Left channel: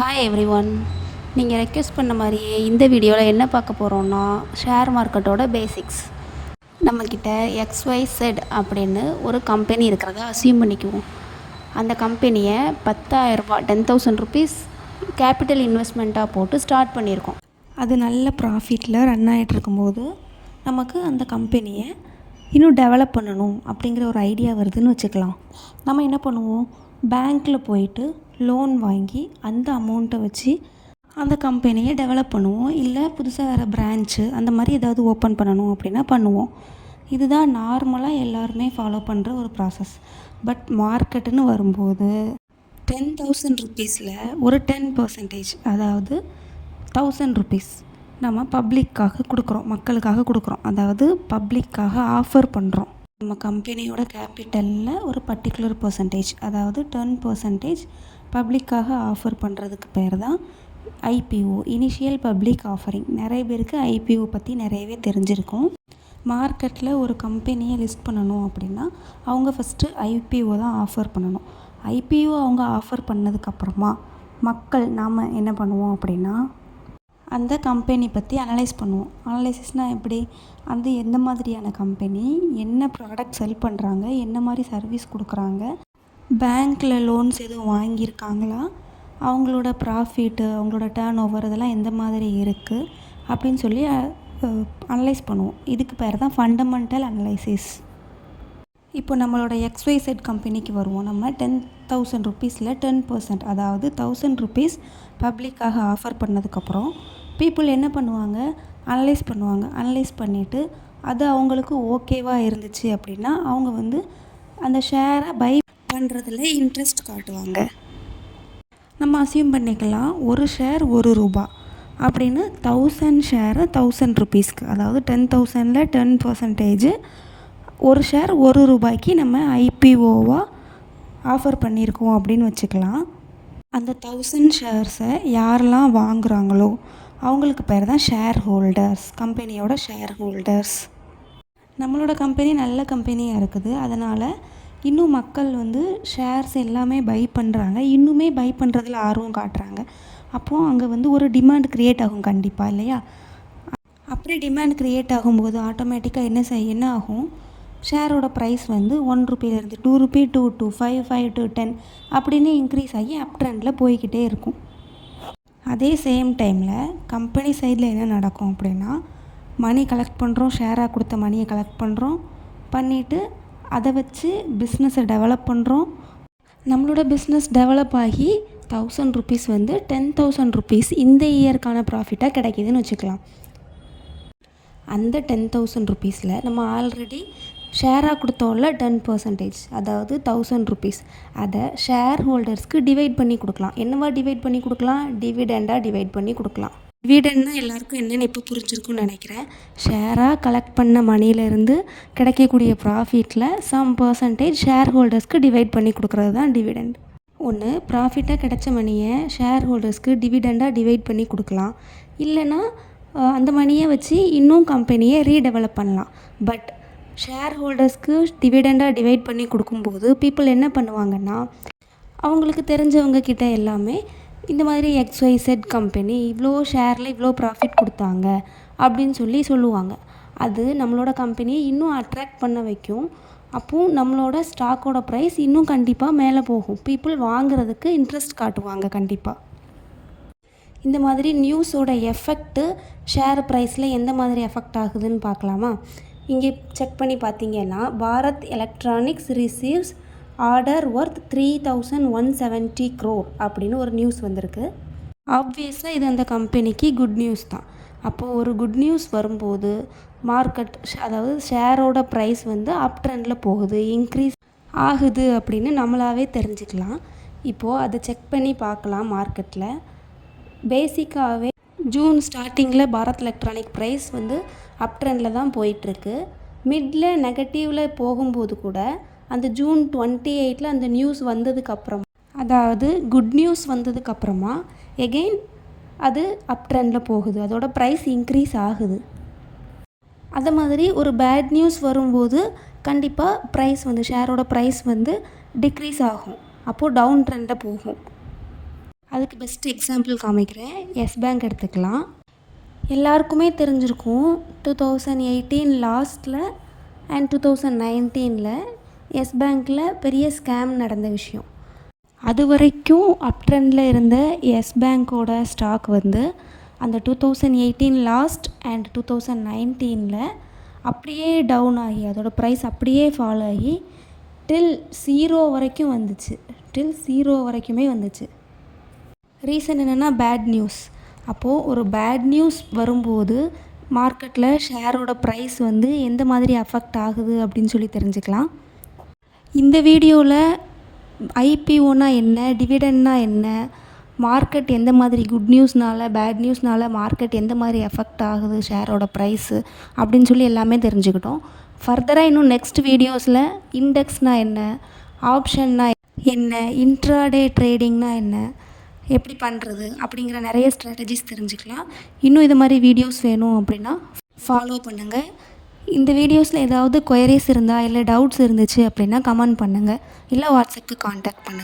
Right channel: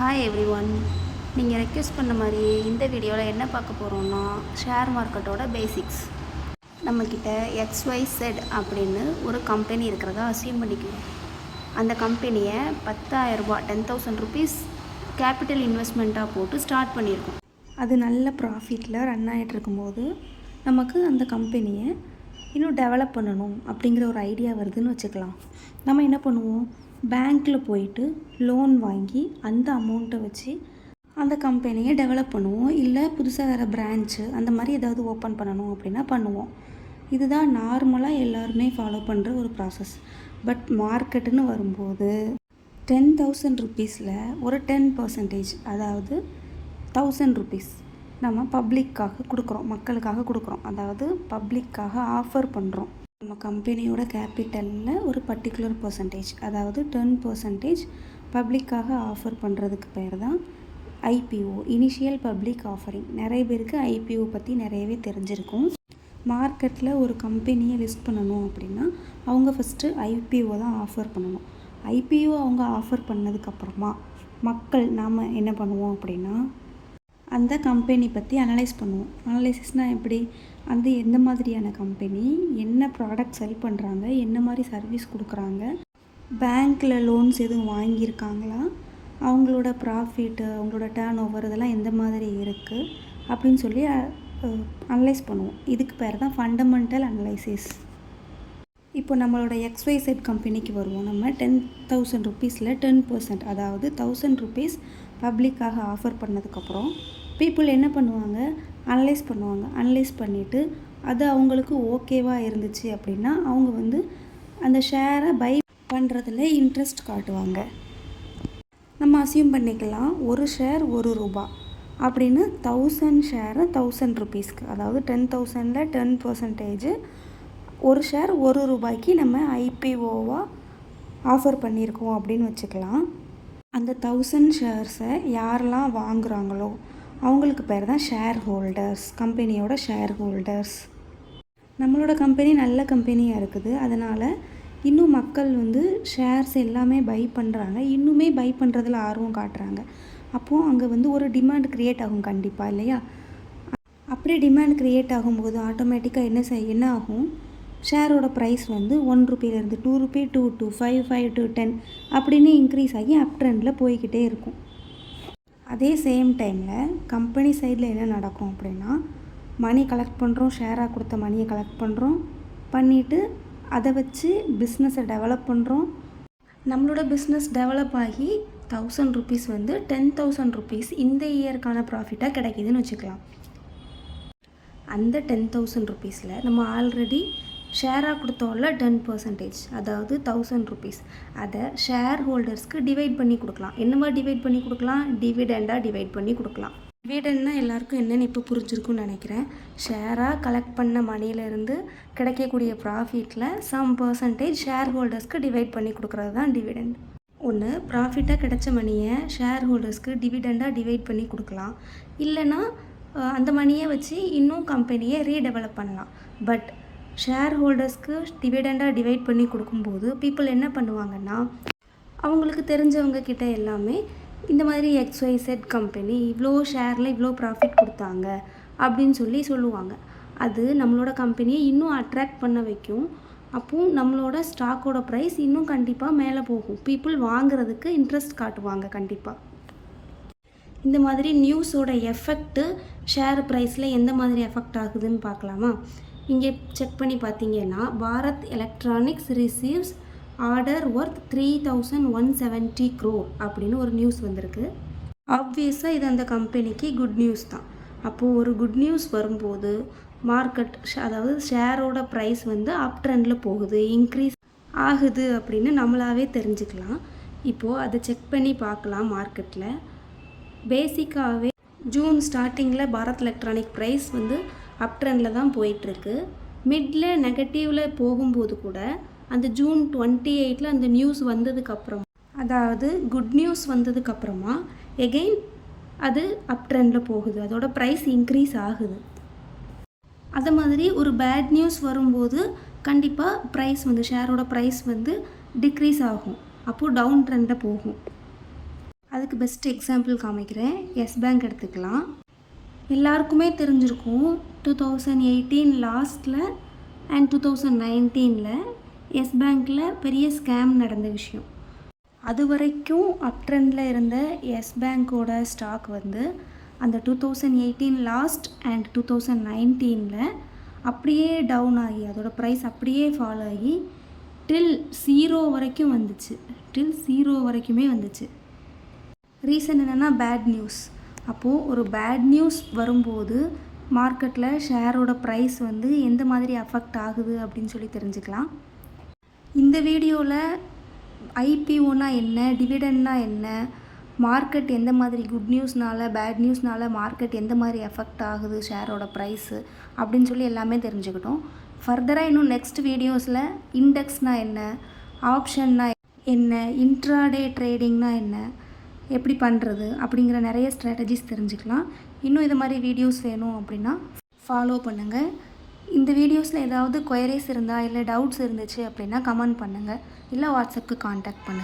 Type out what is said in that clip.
Hi everyone. நீங்கள் request பண்ண மாதிரியே இந்த வீடியோவில் என்ன பார்க்க போகிறோன்னா, ஷேர் மார்க்கெட்டோட பேசிக்ஸ். நம்மக்கிட்ட XYZ அப்படின்னு ஒரு கம்பெனி இருக்கிறதா அசியூம் பண்ணிக்குவோம். அந்த கம்பெனியை 10,000 ரூபாய் 10,000 ருபீஸ் கேபிட்டல் இன்வெஸ்ட்மெண்ட்டாக போட்டு ஸ்டார்ட் பண்ணியிருக்கோம். அது நல்ல ப்ராஃபிட்டில் ரன் ஆகிட்டு இருக்கும்போது நமக்கு அந்த கம்பெனியை இன்னும் டெவலப் பண்ணணும் அப்படிங்கிற ஒரு ஐடியா வருதுன்னு வச்சுக்கலாம். நம்ம என்ன பண்ணுவோம், பேங்க்கில் போயிட்டு லோன் வாங்கி அந்த அமௌண்ட்டை வச்சு அந்த கம்பெனியை டெவலப் பண்ணுவோம். இல்லை புதுசாக வேறு பிரான்ச்சு அந்த மாதிரி ஏதாவது ஓப்பன் பண்ணணும் அப்படின்னா பண்ணுவோம். இதுதான் நார்மலாக எல்லாருமே ஃபாலோ பண்ணுற ஒரு ப்ராசஸ். பட் மார்க்கெட்டுன்னு வரும்போது 10,000 ருபீஸில் ஒரு 10%, அதாவது 1000 ருபீஸ் நம்ம பப்ளிக்காக கொடுக்குறோம், மக்களுக்காக கொடுக்குறோம். அதாவது பப்ளிக்காக ஆஃபர் பண்ணுறோம். நம்ம கம்பெனியோட கேபிட்டலில் ஒரு பர்டிகுலர் பர்சன்டேஜ், அதாவது 10% பப்ளிக்காக ஆஃபர் பண்ணுறதுக்கு பேர் தான் IPO, இனிஷியல் பப்ளிக் ஆஃபரிங். நிறைய பேருக்கு IPO பற்றி நிறையவே தெரிஞ்சிருக்கும். மார்க்கெட்டில் ஒரு கம்பெனியை லிஸ்ட் பண்ணணும் அப்படின்னா அவங்க ஃபஸ்ட்டு IPO தான் ஆஃபர் பண்ணணும். IPO அவங்க ஆஃபர் பண்ணதுக்கப்புறமா மக்கள் நாம் என்ன பண்ணுவோம் அப்படின்னா அந்த கம்பெனி பற்றி அனலைஸ் பண்ணுவோம். அனலைசிஸ்னால் எப்படி, அது எந்த மாதிரியான கம்பெனி, என்ன ப்ராடக்ட் செல் பண்ணுறாங்க, என்ன மாதிரி சர்வீஸ் கொடுக்குறாங்க, பேங்க்கில் லோன்ஸ் எதுவும் வாங்கியிருக்காங்களா, அவங்களோட ப்ராஃபிட்டு, அவங்களோட டர்ன் ஓவர் இதெல்லாம் எந்த மாதிரி இருக்குது அப்படின்னு சொல்லி அனலைஸ் பண்ணுவோம். இதுக்கு பேர் தான் ஃபண்டமெண்டல் அனலைசிஸ். இப்போ நம்மளோட XYZ கம்பெனிக்கு வருவோம். நம்ம 10,000 ருபீஸில் 10%, அதாவது 1000 ருபீஸ் பப்ளிக்காக ஆஃபர் பண்ணதுக்கப்புறம் பீப்புள் என்ன பண்ணுவாங்க, அனலைஸ் பண்ணுவாங்க. அனலைஸ் பண்ணிவிட்டு அது அவங்களுக்கு ஓகேவாக இருந்துச்சு அப்படின்னா அவங்க அந்த ஷேரை பை பண்ணுறதுல இன்ட்ரெஸ்ட் காட்டுவாங்க. நம்ம அசியூம் பண்ணிக்கலாம் ஒரு ஷேர் ₹1 அப்படின்னு 1000 ஷேரு 1000 ருபீஸ்க்கு, அதாவது 10,000ல் 10% ஒரு ஷேர் ₹1 நம்ம IPOவாக ஆஃபர் பண்ணியிருக்கோம் அப்படின்னு வச்சுக்கலாம். அந்த 1000 ஷேர்ஸை யாரெல்லாம் வாங்குகிறாங்களோ அவங்களுக்கு பேர் தான் ஷேர் ஹோல்டர்ஸ், கம்பெனியோட ஷேர் ஹோல்டர்ஸ். நம்மளோட கம்பெனி நல்ல கம்பெனியாக இருக்குது, அதனால் இன்னும் மக்கள் ஷேர்ஸ் எல்லாமே பை பண்ணுறாங்க, இன்னுமே பை பண்ணுறதுல ஆர்வம் காட்டுறாங்க. அப்போது அங்கே ஒரு டிமாண்ட் க்ரியேட் ஆகும் கண்டிப்பாக, இல்லையா? அப்படியே டிமாண்ட் க்ரியேட் ஆகும்போது ஆட்டோமேட்டிக்காக என்ன ஆகும், ஷேரோட ப்ரைஸ் ₹1 ₹2 2 to 5 5 to 10 அப்படின்னு இன்க்ரீஸ் ஆகி அப் ட்ரெண்டில் போய்கிட்டே இருக்கும். அதே சேம் டைமில் கம்பெனி சைடில் என்ன நடக்கும் அப்படின்னா, மணி கலெக்ட் பண்ணுறோம், ஷேராக கொடுத்த மணியை கலெக்ட் பண்ணுறோம், பண்ணிவிட்டு அதை வச்சு பிஸ்னஸை டெவலப் பண்ணுறோம். நம்மளோட பிஸ்னஸ் டெவலப் ஆகி 1000 ருபீஸ் 10,000 ருபீஸ் இந்த இயருக்கான ப்ராஃபிட்டாக கிடைக்கிதுன்னு வச்சுக்கலாம். அந்த 10,000 ருபீஸில் நம்ம ஆல்ரெடி ஷேராக கொடுத்தோம்ல 10%, அதாவது 1000 ருபீஸ், அதை ஷேர் ஹோல்டர்ஸ்க்கு டிவைட் பண்ணி கொடுக்கலாம். என்னவா டிவைட் பண்ணி கொடுக்கலாம், டிவிடெண்டாக டிவைட் பண்ணி கொடுக்கலாம். டிவிடெண்ட்னா எல்லாருக்கும் என்னென்னு இப்போ புரிஞ்சிருக்குன்னு நினைக்கிறேன். ஷேராக கலெக்ட் பண்ண மணியிலேருந்து கிடைக்கக்கூடிய ப்ராஃபிட்டில் சம் பர்சன்டேஜ் ஷேர் ஹோல்டர்ஸ்க்கு டிவைட் பண்ணி கொடுக்குறது தான் டிவிடெண்ட். ஒன்று ப்ராஃபிட்டாக கிடைச்ச மணியை ஷேர் ஹோல்டர்ஸ்க்கு டிவிடெண்டாக டிவைட் பண்ணி கொடுக்கலாம், இல்லைனா அந்த மணியை வச்சு இன்னும் கம்பெனியை ரீடெவலப் பண்ணலாம். பட் ஷேர் ஹோல்டர்ஸ்க்கு டிவிடெண்டாக டிவைட் பண்ணி கொடுக்கும்போது பீப்புள் என்ன பண்ணுவாங்கன்னா, அவங்களுக்கு தெரிஞ்சவங்க கிட்ட எல்லாமே இந்த மாதிரி XYZ கம்பெனி இவ்வளோ ஷேரில் இவ்வளோ ப்ராஃபிட் கொடுத்தாங்க அப்படின்னு சொல்லுவாங்க. அது நம்மளோட கம்பெனியை இன்னும் அட்ராக்ட் பண்ண வைக்கும். அப்போது நம்மளோட ஸ்டாக்கோட ப்ரைஸ் இன்னும் கண்டிப்பாக மேலே போகும். பீப்புள் வாங்குறதுக்கு இன்ட்ரெஸ்ட் காட்டுவாங்க கண்டிப்பாக. இந்த மாதிரி நியூஸோட எஃபெக்ட்டு ஷேர் ப்ரைஸில் எந்த மாதிரி எஃபெக்ட் ஆகுதுன்னு பார்க்கலாமா? இங்கே செக் பண்ணி பார்த்தீங்கன்னா, Bharat electronics receives order worth 3,170 crore அப்படின்னு ஒரு நியூஸ் வந்திருக்கு. ஆப்வியஸாக இது அந்த கம்பெனிக்கு குட் நியூஸ் தான். அப்போது ஒரு குட் நியூஸ் வரும்போது மார்க்கெட், அதாவது ஷேரோட ப்ரைஸ் அப் ட்ரெண்டில் போகுது, இன்க்ரீஸ் ஆகுது அப்படின்னு நம்மளாவே தெரிஞ்சுக்கலாம். இப்போது அதை செக் பண்ணி பார்க்கலாம். மார்க்கெட்டில் பேசிக்காகவே ஜூன் ஸ்டார்டிங்கில் பாரத் எலக்ட்ரானிக் ப்ரைஸ் அப் ட்ரெண்டில் தான் போயிட்டுருக்கு. மிடில் நெகட்டிவில் போகும்போது கூட அந்த ஜூன் 28 அந்த நியூஸ் வந்ததுக்கப்புறம், அதாவது குட் நியூஸ் வந்ததுக்கப்புறமா எகெயின் அது அப் ட்ரெண்டில் போகுது, அதோட ப்ரைஸ் இன்க்ரீஸ் ஆகுது. அது மாதிரி ஒரு பேட் நியூஸ் வரும்போது கண்டிப்பாக ப்ரைஸ் ஷேரோட ப்ரைஸ் டிக்ரீஸ் ஆகும், அப்போது டவுன் ட்ரெண்டில் போகும். அதுக்கு பெஸ்ட் எக்ஸாம்பிள் காமிக்கிறேன். எஸ் பேங்க் எடுத்துக்கலாம். எல்லாருக்குமே தெரிஞ்சிருக்கும் 2018 லாஸ்ட்டில் அண்ட் 2019 எஸ் பேங்க்கில் பெரிய ஸ்கேம் நடந்த விஷயம். அது வரைக்கும் அப் ட்ரெண்டில் இருந்த எஸ் பேங்க்கோட ஸ்டாக் வந்து அந்த 2018 லாஸ்ட் அண்ட் 2019 அப்படியே டவுன் ஆகி அதோடய ப்ரைஸ் அப்படியே ஃபால் ஆகி டில் 0 வரைக்கும் வந்துச்சு. டில் 0 வரைக்குமே வந்துச்சு. ரீசன் என்னென்னா பேட் நியூஸ். அப்போது ஒரு பேட் நியூஸ் வரும்போது மார்க்கெட்டில் ஷேரோட ப்ரைஸ் வந்து எந்த மாதிரி அஃபெக்ட் ஆகுது அப்படின்னு சொல்லி தெரிஞ்சுக்கலாம். இந்த வீடியோவில் ஐபிஓனா என்ன, டிவிடெண்ட்னா என்ன, மார்க்கெட் எந்த மாதிரி குட் நியூஸ்னால பேட் நியூஸ்னால மார்க்கெட் எந்த மாதிரி எஃபெக்ட் ஆகுது ஷேரோட ப்ரைஸு அப்படின்னு சொல்லி எல்லாமே தெரிஞ்சுக்கிட்டோம். ஃபர்தராக இன்னும் நெக்ஸ்ட் வீடியோஸில் இண்டெக்ஸ்னால் என்ன, ஆப்ஷன்னா என்ன, இன்ட்ராடே ட்ரேடிங்னா என்ன, எப்படி பண்ணுறது அப்படிங்கிற நிறைய ஸ்ட்ராட்டஜிஸ் தெரிஞ்சுக்கலாம். இன்னும் இது மாதிரி வீடியோஸ் வேணும் அப்படின்னா ஃபாலோ பண்ணுங்கள். இந்த வீடியோஸில் ஏதாவது கொயரிஸ் இருந்தால் இல்லை டவுட்ஸ் இருந்துச்சு அப்படின்னா கமெண்ட் பண்ணுங்கள், இல்லை வாட்ஸ்அப்புக்கு காண்டாக்ட் பண்ணுங்கள்.